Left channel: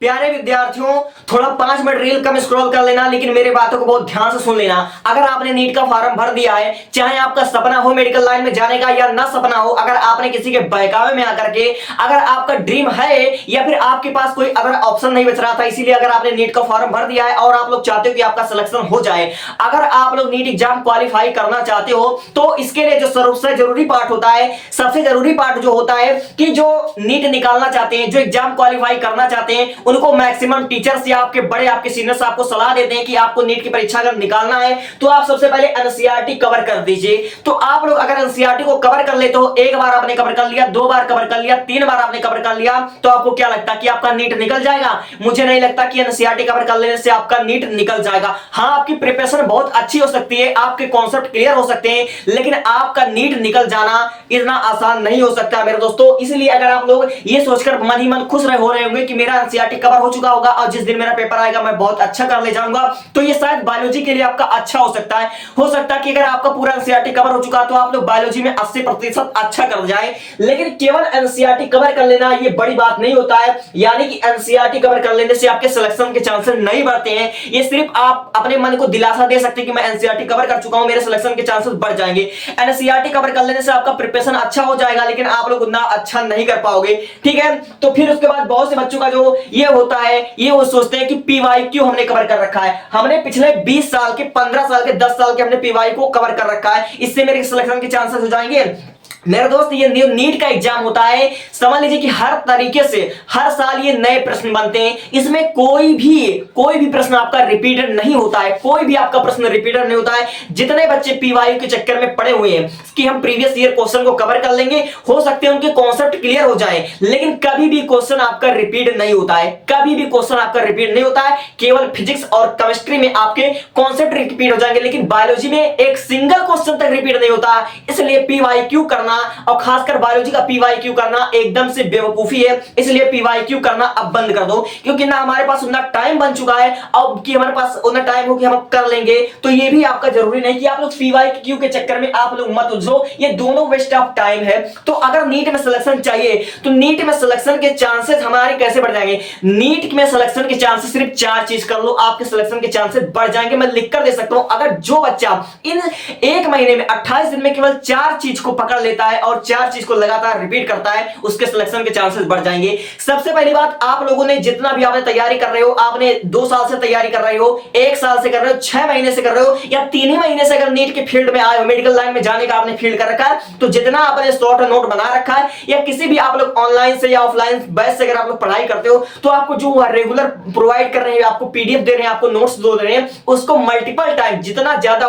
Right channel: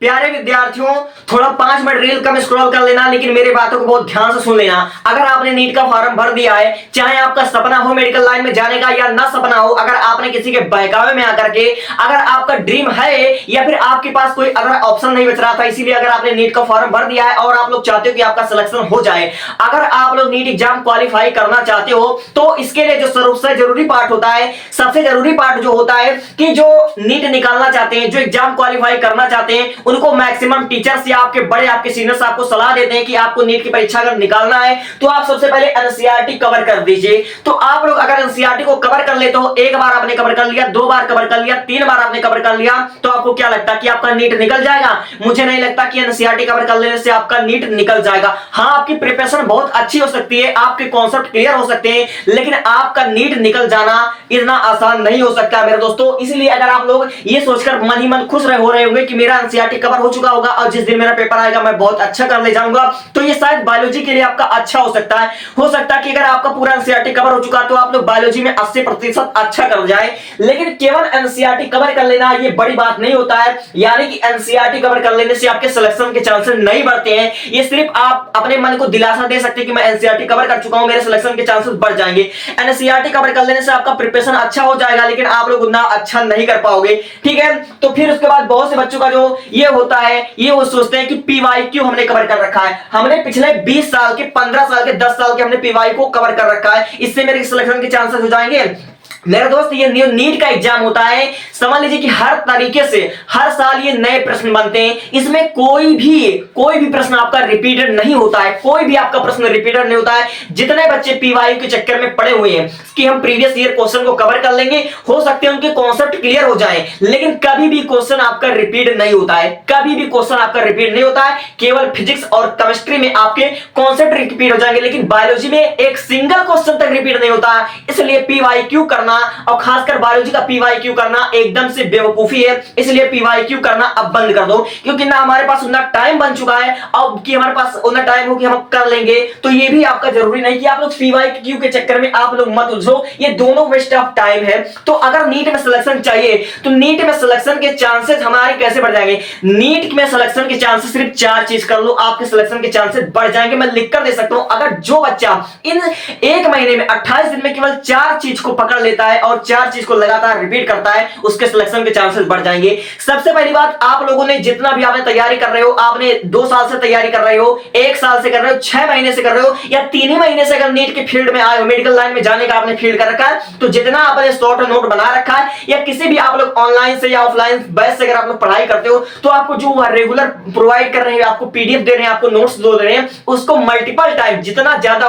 प्यारे विद्यार्थियों, थोड़ा 5 मिनट रील कम स्क्रॉल कर लेना, लेकिन मेरी बातों को बहुत ध्यान से सुन लेना। अगर आपने नीट का फॉर्म भर दिया है, चाहे आपका सपना हो मेडिकल लाइन में जाने का या ना सपना हो, अगर आपने किसी के बहकावे में आकर के, अगर आपका ड्रीम है या फिर आपके पास कोई अगर ऑप्शन नहीं बच रहा था, इसीलिए अगर आपने नीट का फॉर्म भर दिया है और आप लोग चाहते हो कि आपका सिलेक्शन हो जाए, अगर आप लोग नीट एग्जाम क्वालिफाई करना चाहते हो, तो इसके लिए जो सबसे जरूरी पार्ट होता है, सबसे जरूरी पार्ट जो होता है कि जो नीट निकालना चाहते हैं, जो एग्जाम क्वालिफाई करना चाहते हैं, उनको मैक्सिमम टीचर्स या आपके बड़े आपके सीनियर्स आपको सलाह देते हैं कि आपको नीट की परीक्षा अगर निकालना है तो आप सबसे पहले एनसीईआरटी कवर कर दीजिए। तो आप लोग अगर एनसीईआरटी को कवर कर लेते हो, एक बार आपने कवर कर लिया, 2 बार कवर कर लिया, 3 बार आपने कवर कर लिया, तो आपको क्या लगता है कि आपका नीट निकल जाएगा? मुझे नहीं लगता कि एनसीईआरटी कवर कर लेने से आपका नीट निकल जाएगा। हां, आपकी प्रिपरेशन बहुत अच्छी हो सकती है, आपके कॉन्सेप्ट क्लियर हो सकते हैं, लेकिन आपका नीट निकल जाना इतना आसान नहीं हो सकता मेरे दोस्तों। इसलिए अगर आप लोग ये सोचकर मन ही मन खुश हो रहे होंगे कि मेरा एनसीईआरटी कवर हो चुका होगा और जिस दिन मेरा पेपर आएगा मैं बहुत अच्छा कर ले जाऊंगा, तो ये शायद बायोलॉजी के लिए आपका अच्छा हो सकता है। हो सकता है कि अगर आपका पूरा एनसीईआरटी कवर हो चुका तो आप लोग बायोलॉजी में 80% अच्छा कर जाए, लेकिन केवल एनसीईआरटी कवर कर लेना ये बड़ी बात नहीं होता है। यानी कि एनसीईआरटी कवर कर लेने से आपके सिलेक्शन के चांसेस नहीं बढ़ते हैं, ये सिर्फ आप अपने मन को दिलासा दे सकते हैं कि मैं एनसीईआरटी कवर कर चुका हूं, मेरे सिलेक्शन के चांसेस बढ़ जाएंगे। एनसीईआरटी कवर कर लेने से आपका प्रिपरेशन अच्छा हो जाएगा, लेकिन आप लोग उतना अच्छा नहीं कर पाओगे, ठीक है। तो फिर उसके बाद बहुत से बच्चों का जो ये होता है, ये वो सोचते हैं कि पीवाईक्यू हमने कवर कर रखा है, हमने पिछले 20 साल के, 15 साल के, 10 साल के हमने पीवाई को कवर कर रखा है, इससे मेरे सिलेक्शन के चांसेस हो जाएंगे। मेरे दोस्त, ये नीट का एग्जाम होता है, समझ लीजिए कि हर तरीके से हर साल ये नए प्रश्न बनते हैं, इसमें कोई भी प्रश्न आपका रिपीटेड नहीं होता है, कोई भी आपका प्रश्न रिपीटेड नहीं होता है। जितने बच्चे पीवाई के चक्कर में पड़े हुए हैं कि हम प्रीवियस ईयर क्वेश्चन को कवर कर लेंगे, हो सकते हैं उनके कॉन्सेप्ट क्लियर हो जाए, लेकिन कभी भी क्वेश्चन आपका रिपीट नहीं होता है, कभी भी क्वेश्चन आपका रिपीट नहीं होता है। केवल फिजिक्स और केमिस्ट्री में आपके कॉन्सेप्ट रिपीट हो जाएंगे, लेकिन बायोलॉजी में एक सिंगल क्वेश्चन तक रिपीट नहीं होता है। इसलिए पीवाईक्यू करना और खासकर बायोलॉजी का पीवाईक्यू करना एकदम से बेवकूफी है। इसलिए पीवाईक्यू करना अब बंद कर दो, क्योंकि ना हमारे पास उतना टाइम बन चुका है अब कि हमारे पास उतना टाइम हो कि हम कर लेंगे। तो ये भी आपका जरूरी नहीं कि आप लोग पीवाईक्यू के चक्कर में आप लोग मत उलझो, ये दोनों वेस्ट ऑफ टाइम है। तो अगर नीट में सिलेक्शन चाहिए तो नीट में सिलेक्शन के चांसेस हमारे कैसे बढ़ जाएंगे? नीट में सिलेक्शन के चांसेस सिर्फ 4 चीज कर लो, आपके सिलेक्शन के चांसेस बढ़ जाएंगे। मैं लिख कर दे सकता हूं, अगर जो बच्चा इन 1 महीने में 28 दिन में केवल 4 चीज को पकड़ लेता है और 4 चीज को लगातार रिपीट करता है, उसके सिलेक्शन के चांसेस बढ़ जाएंगे। सबसे पहली बात, आप लोगों ने जितना भी आपने तैयारी कर रहे हो, आपने 2 साल से तैयारी कर रहे हो, 1 साल से कर रहे हो, 6 महीने से कर रहे हो या 3 ही महीने से अगर नीट के फील्ड में आए हो, मेडिकल लाइन में जाने का आपने फील्ड कर रखा है, तो जितना आपने शॉर्ट नोट बना रखा है या किसी भी आप लोग ऑनलाइन से या ऑफलाइन बैच से अगर आप लोग पढ़ाई करते हो, तो आपको जो रेगुलर प्रोवाइड कर रहे हैं, आपको पीडीएफ दे रहे हैं, आपको नोट्स दे रहे हैं, उसको मल्टीपल टाइम जितना ज्यादा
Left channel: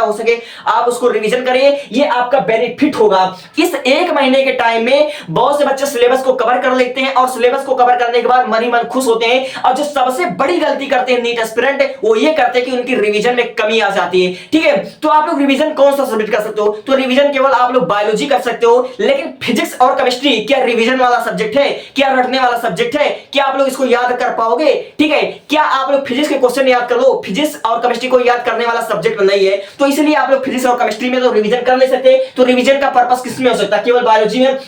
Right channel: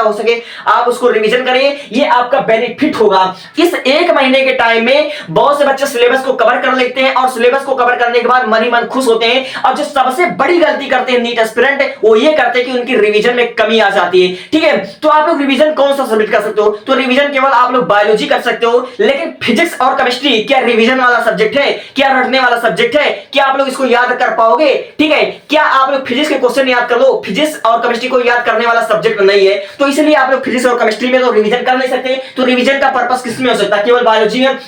हो सके आप उसको रिवीजन करिए, ये आपका बेनिफिट होगा। इस 1 महीने के टाइम में बहुत से बच्चे सिलेबस को कवर कर लेते हैं और सिलेबस को कवर करने के बाद मन ही मन खुश होते हैं, और जो सबसे बड़ी गलती करते हैं नीट एस्पिरेंट, वो ये करते हैं कि उनकी रिवीजन में कमी आ जाती है, ठीक है। तो आप लोग रिवीजन कौन सा सबमिट कर सकते हो? तो रिवीजन केवल आप लोग बायोलॉजी कर सकते हो, लेकिन फिजिक्स और केमिस्ट्री क्या रिवीजन वाला सब्जेक्ट है? क्या रटने वाला सब्जेक्ट है? क्या आप लोग इसको याद कर पाओगे? ठीक है, क्या आप लोग फिजिक्स के क्वेश्चन याद कर लो? फिजिक्स और केमिस्ट्री को याद करने वाला सब्जेक्ट नहीं है, तो इसलिए आप लोग फिजिक्स और केमिस्ट्री में तो रिवीजन कर नहीं सकते। तो रिवीजन का पर्पस किसमें हो सकता है? केवल बायोलॉजी में।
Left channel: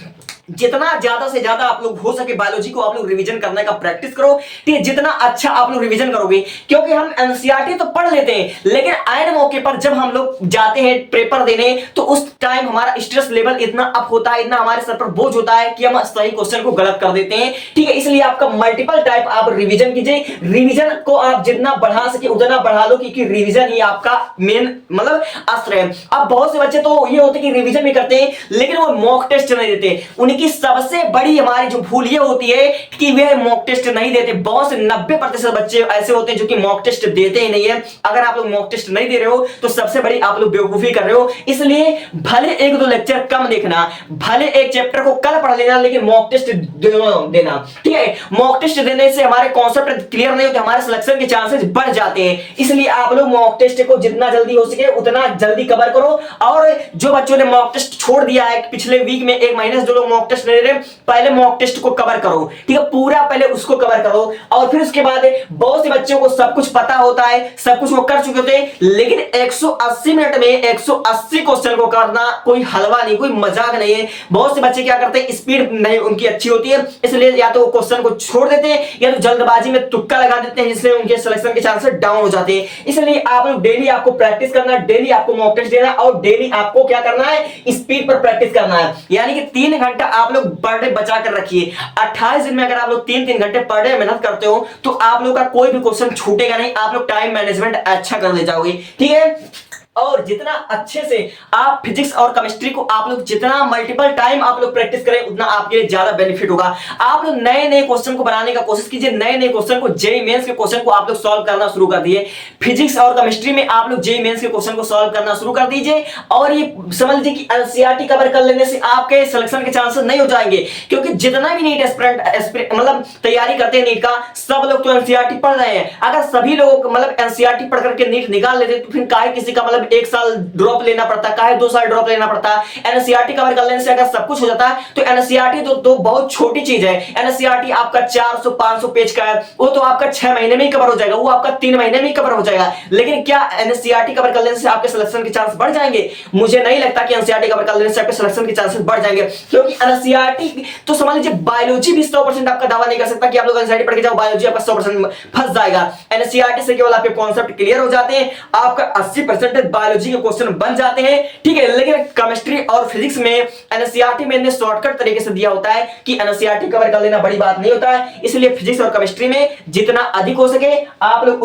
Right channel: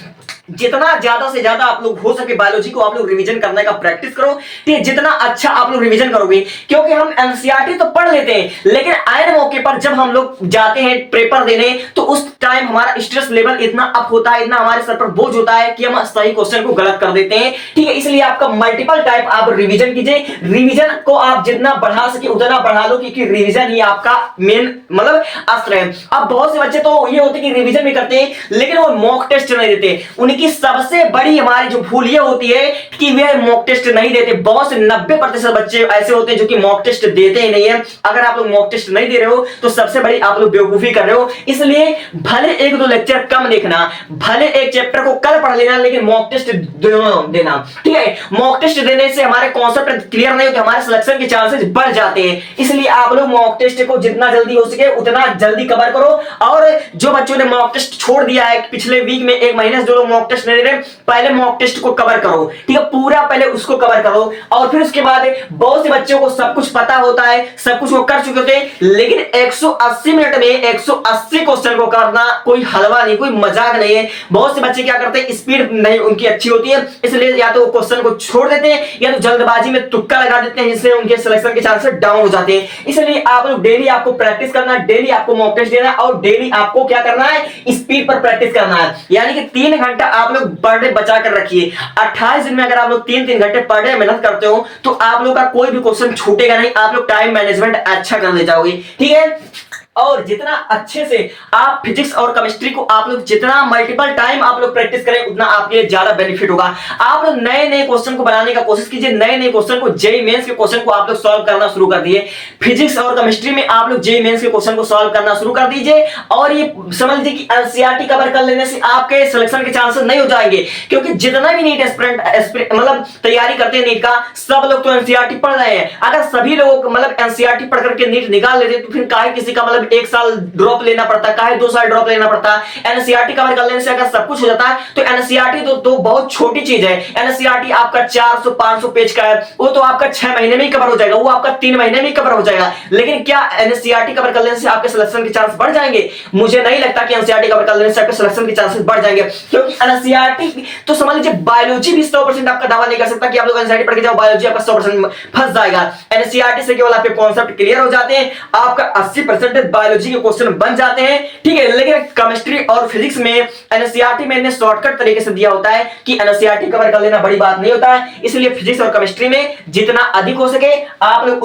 जितना ज्यादा से ज्यादा आप लोग हो सके बायोलॉजी को आप लोग रिवीजन करने का प्रैक्टिस करो, ठीक है। जितना अच्छा आप लोग रिवीजन करोगे, क्योंकि हम एनसीईआरटी तो पढ़ लेते हैं, लेकिन आए मौके पर जब हम लोग जाते हैं पेपर देने, तो उस टाइम हमारा स्ट्रेस लेवल इतना अप होता है, इतना हमारे सर पर बोझ होता है कि हम सही क्वेश्चन को गलत कर देते हैं, ठीक है। इसलिए आपका मल्टीपल टाइप आप रिविजन कीजिए, रिविजन को आप जितना बढ़ा सके उतना बढ़ा लो, क्योंकि रिविजन ही आपका मेन मतलब अस्त्र है। अब बहुत से बच्चे तो ये होते कि रिविजन भी करते हैं, लेकिन वो मॉक टेस्ट नहीं देते। उनकी सबसे बड़ी हमारी जो भूल ये होती है कि वे मॉक टेस्ट नहीं देते। बहुत से 90% बच्चे ऐसे होते हैं जो कि मॉक टेस्ट देते ही नहीं है। अगर आप लोग मॉक टेस्ट नहीं दे रहे हो तो सबसे बड़ी आप लोग बेवकूफी कर रहे हो। इसलिए भले 1-2 लेक्चर कम देखना, भले एक चैप्टर को कल पढ़ लेना, लेकिन मॉक टेस्ट देना, ठीक है। मॉक टेस्ट देने से हमारे कॉन्सेप्ट क्लियर नहीं होते, हमारे सिलेक्शन के चांसेस बढ़ जाते हैं। इसलिए आप लोग मॉक टेस्ट को जितना जल्दी हो सके उतना जल्दी कवर करो। और जो बच्चों ने मॉक टेस्ट छोड़ दिया है पिछले वीक में, 1 महीने से जो लोग मॉक मॉक टेस्ट नहीं दे रहे, पहले मॉक टेस्ट को कवर करो, ठीक है, पूरा पहले उसको कवर करो। और फिर उसके बाद बहुत से बच्चों को सब कुछ पता होता है, सब कुछ वो कर चुके होते हैं, लेकिन 180 मिनट में 180 क्वेश्चन को करना कोई हलवा नहीं, कोई मजाक नहीं है। बहुत से बच्चे क्या करते हैं, स्पीड नहीं उनकी अच्छी होती है, इसलिए या तो क्वेश्चन को छोड़ देते हैं या तो जल्दबाजी में तुक्का लगा देते हैं, जिससे उनके सिलेक्शन के चांसेस डाउन हो जाते हैं। इसलिए आप लोग डेली आपको प्रैक्टिस करना, डेली आपको मॉक टेस्ट देना और डेली आपको क्या करना है, स्पीड पर प्रैक्टिस करना है। यानी कि 3 घंटा आप लोग पर डे बचा कर रखिए। 28 दिन में अगर आप लोग 3-3 घंटे पर डे मेहनत करते हो तो आप लोग का कोई भी क्वेश्चन छूटेगा नहीं, आप लोग टाइम मैनेजमेंट अच्छा कर ले जाओगे, ठीक है। और जितना अच्छे से आप फिजिक्स और केमिस्ट्री को आप लोग जितना मल्टीपल टाइम आप लोग प्रैक्टिस करें, उतना आपके लिए ज्यादा बेनिफिट होगा। आप लोग नए नए क्वेश्चन को बनाने का कोशिश कीजिए, नए नए क्वेश्चन को, जेईई मेंस के क्वेश्चन को आप लोग सॉल्व करना शुरू कर दिए। फिजिक्स और केमिस्ट्री में आप लोग जेईई मेंस के क्वेश्चन को सॉल्व करना शुरू कर दीजिए। और ये समझ लीजिए कि एनसीईआरटी कवर कर लेने से आपके सिलेक्शन के चांसेस नहीं हो जाएंगे, क्योंकि जितना भी नीट एस्पिरेंट मतलब तैयारी करते हैं नीट का, सब लोग तो एनसीईआरटी पढ़ रहे हैं। अगर सभी लोग मतलब एनसीईआरटी पढ़ करके नीट निकाल लेते तो फिर काहे किसी का मतलब 1 साल ड्रॉप लेना पड़ता है, काहे 2 साल ड्रॉप लेना पड़ता है। एनसीईआरटी कवर कर लेने से अगर सब कुछ हो जाता है तो एनसीईआरटी तो बहुत छोटी चीज है। एनसीईआरटी आपका 400-500 पेज का है, वो तो आपका 6 महीने में ही कवर हो जाएगा, वो आपका 3 महीने में ही कवर हो जाएगा। लेकिन क्या एनसीईआरटी कवर कर लेने से आपके सिलेक्शन के चांस बढ़ जाएंगे? मुझे नहीं लगता कि एनसीईआरटी कवर कर लेने से आपके सिलेक्शन के चांसेस बढ़ जाएंगे, क्योंकि एनसीईआरटी तो समझ लीजिए बायोलॉजी भी 100% आपका दावा नहीं कर सकता कि आप लोग एनसीईआरटी पढ़ के जाओ, बायोलॉजी आपका 100% फंस जाएगा। एनसीईआरटी से केवल आपके कॉन्सेप्ट क्लियर हो जाते हैं, आपका 80% बायोलॉजी के क्वेश्चन बन जाते हैं, ठीक है। लेकिन केमिस्ट्री और फिजिक्स में एनसीईआरटी में शॉर्टकट तरीके से दिया होता है कि एनसीईआरटी कवर कर लेना बड़ी बात नहीं होता है। इसलिए फिजिक्स और केमिस्ट्री में जितना अधिक हो सके आप लोग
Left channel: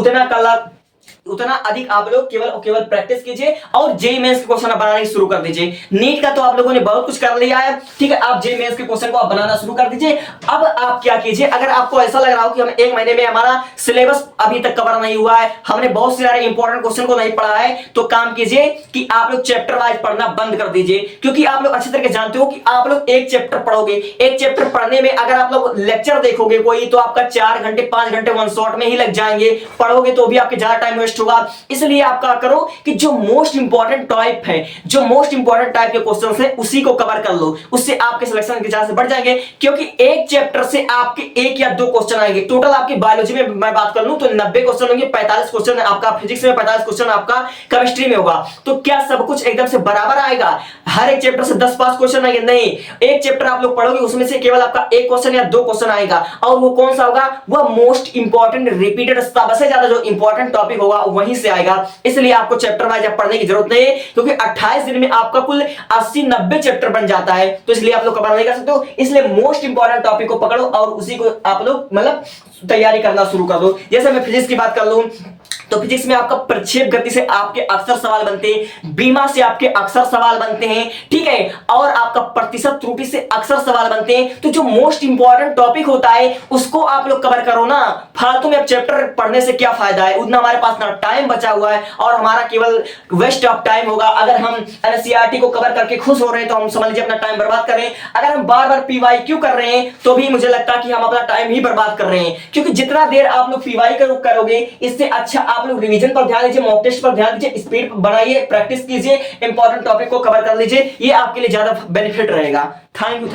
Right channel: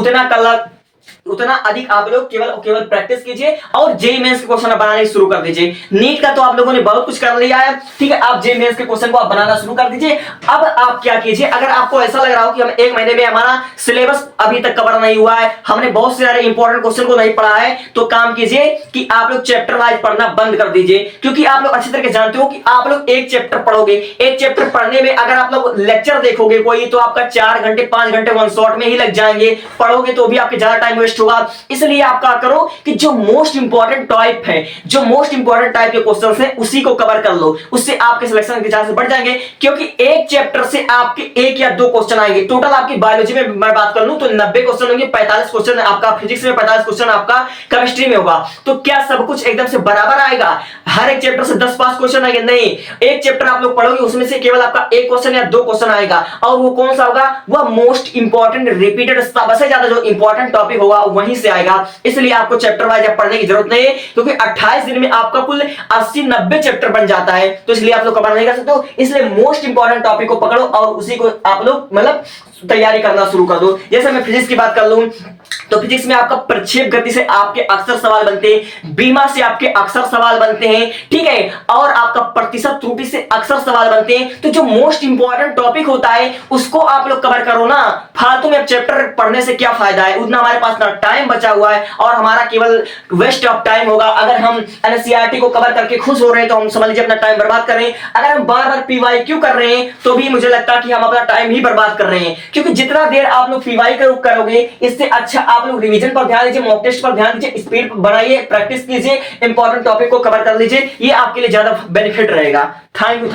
उतना अधिक आप लोग केवल प्रैक्टिस कीजिए और जेईई मेंस के क्वेश्चन बनाने शुरू कर दीजिए। नीट का तो आप लोगों ने बहुत कुछ कर लिया है, ठीक है, आप जेईई मेंस के क्वेश्चन को आप बनाना शुरू कर दीजिए। अब आप क्या कीजिए, अगर आपको ऐसा लग रहा हो कि हम 1 महीने में हमारा सिलेबस अभी तक कवर नहीं हुआ है, हमने बहुत सारे इंपॉर्टेंट क्वेश्चन को नहीं पढ़ा है, तो काम कीजिए कि आप लोग चैप्टर वाइज पढ़ना बंद कर दीजिए। क्योंकि आप लोग अच्छी तरह से जानते हो कि आप लोग एक चैप्टर पढ़ोगे, एक चैप्टर पढ़ने में अगर आप लोग लेक्चर देखोगे कोई, तो आपका 4 घंटे 5 घंटे वन शॉट में ही लग जाएंगे, पढ़ोगे तो भी आपके ज्यादा टाइम वेस्ट होगा। इसलिए आप क्या करो कि जो मोस्ट इंपॉर्टेंट टाइप है, जो मोस्ट इंपॉर्टेंट टाइप के क्वेश्चंस हैं, उसी को कवर कर लो, उससे आपके सिलेक्शन के चांसेस बढ़ जाएंगे। क्योंकि एक चैप्टर से आपके 1 या 2 क्वेश्चन आएंगे। टोटल आपकी बायोलॉजी में मैं बात कर लूं तो 90 क्वेश्चन होंगे, 45 क्वेश्चन आपका फिजिक्स में, 45 क्वेश्चन आपका केमिस्ट्री में होगा। तो क्या सब कुछ एकदम से बराबर आएगा? हर एक चैप्टर से 10-5 क्वेश्चन आएंगे? नहीं, एक चैप्टर आप लोग पढ़ोगे उसमें से केवल आपका 1 क्वेश्चन या 2 क्वेश्चन आएगा, और वो कौन सा होगा? वह मोस्ट इंपॉर्टेंट रिपीटेड सबसे ज्यादा जो इंपॉर्टेंट टॉपिक होगा वहीं से आएगा। इसलिए आपको चैप्टर वाइज पढ़ने की जरूरत नहीं है, क्योंकि 28 दिन में आपका कुल 80-90 चैप्टर बन जाता है, तो इसलिए आप लोग कवर नहीं कर सकते हो। इसलिए मोस्ट इंपॉर्टेंट टॉपिक को पकड़ो और उसी को आप लोग मतलब तैयारी करना शुरू कर दो। जैसे मैं फिजिक्स की बात कर लूं तो फिजिक्स में आपका प्रक्षेप गति से आपके अक्सर सवाल बनते हैं, बीमा से आपके अक्सर सवाल बनते हैं, ठीक है, और आपका प्रतिशत त्रुटि से अक्सर सवाल बनते हैं। तो जो मोस्ट इंपॉर्टेंट टॉपिक होता है उसको आप लोग कवर करो ना। फालतू में चैप्टर पढ़ने से क्या फायदा है? उतना हमारे पास ना टाइम बचा हुआ है और हमारा केवल वेस्ट ऑफ टाइम होगा। अगर हम एनसीईआरटी को कवर करके खुश हो रहे हैं तो हम समझ लीजिए अपना टाइम बर्बाद कर रहे हैं। अगर हम बार बार पीवाईक्यू कर रहे हैं तो भी मुझे लगता है कि हम अपना टाइम ही बर्बाद कर रहे हैं, क्योंकि जितना देर आप लोग पीवाई करोगे इससे अच्छा आप लोग रिवीजन पर ध्यान दीजिए, मॉक टेस्ट पर ध्यान दीजिए, स्पीड बढ़ाइए, प्रैक्टिस कीजिए, इंपॉर्टेंट टॉपिक को कवर कर लीजिए। ये आपके लिए ज्यादा बेनिफिट रहेगा। Thank you.